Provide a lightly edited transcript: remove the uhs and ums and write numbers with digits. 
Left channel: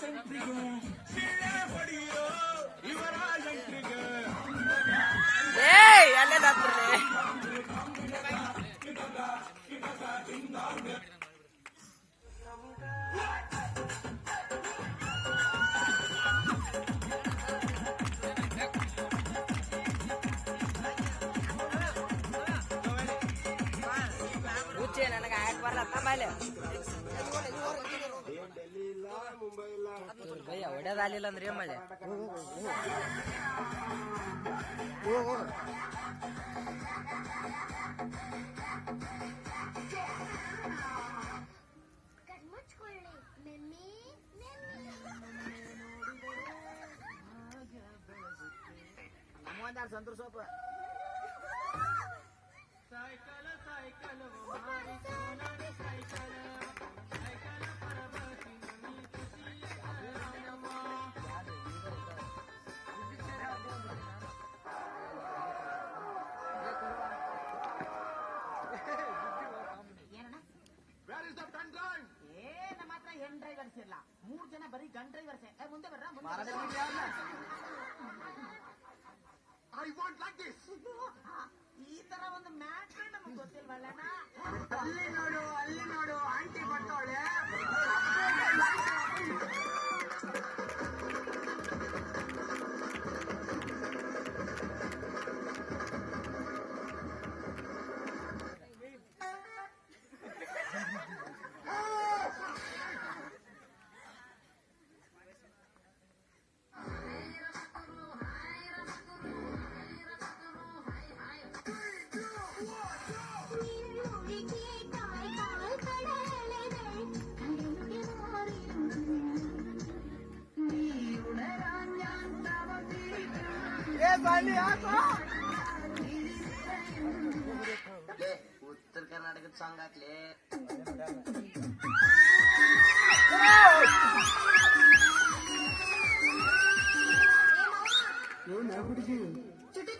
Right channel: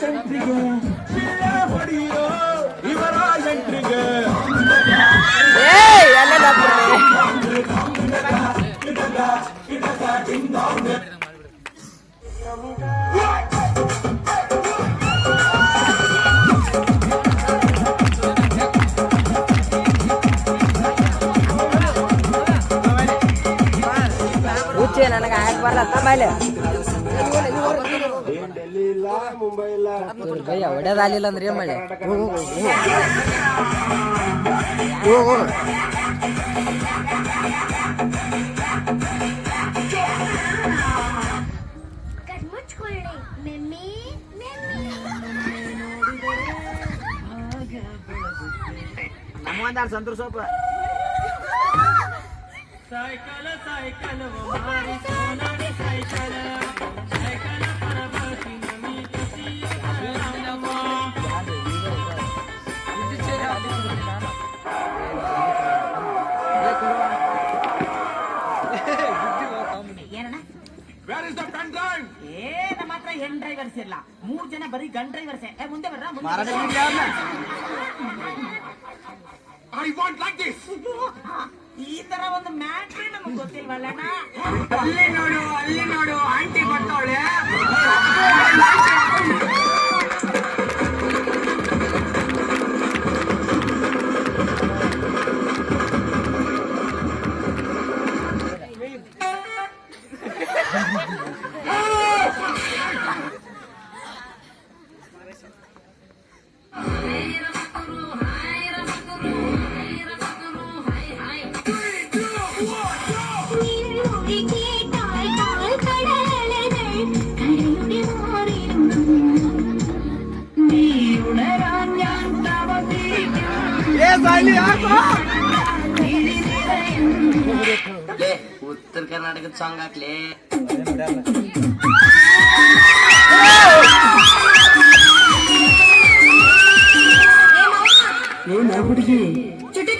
ಸೆಂಟ್ರಿಗೆ ಹೊಡಿಯೋ ಇವರ ಎಂಟ್ರಿಗೆ ನನಗೆ ಆಯಕ್ ಬರ್ಲತ್ತ ಮೇಲೆ ಭಯ್ಯ ಹೊಡೆದಾಲಿಲ್ಲ ಅಂದ್ರೆ ಏನ್ ಮಾಡಿ ನಮ್ಮಂದಾರ ಸಂತೂರ್ ಸೊಪ್ಪ साइकिल साइकिल वो हमारी सोनाली साइकिल साइकिल पर बसी नमी किसी नमो Where is the pen drive? ನಮ್ಮ ಹತ್ರ ಹೆಣ್ ಡ್ರೈವರ್ಸ್ ಇಲ್ಲ 3 ಜನ ಬರೀ ಗನ್ ಡ್ರೈವರ್ಸ್ ಮುಂದೆ ಬರ್ರ I want like this. ಈ ತರ ಒಂದು ಮ್ಯಾಟ್ರಿ ನಮಗೆ ಗೊತ್ತಿಲ್ವಲ್ಲಣ್ಣ ಅಲ್ಲಿ ನೋಡು ಆಂಟಿ ಬರ್ತಾವಳೆ ಉತ್ತರ ಕರ್ನಾಟಕದ ಸಾಂಗ್ ಹಾಕ್ಲಿ ಹುಡುಗಿ ಚುಟು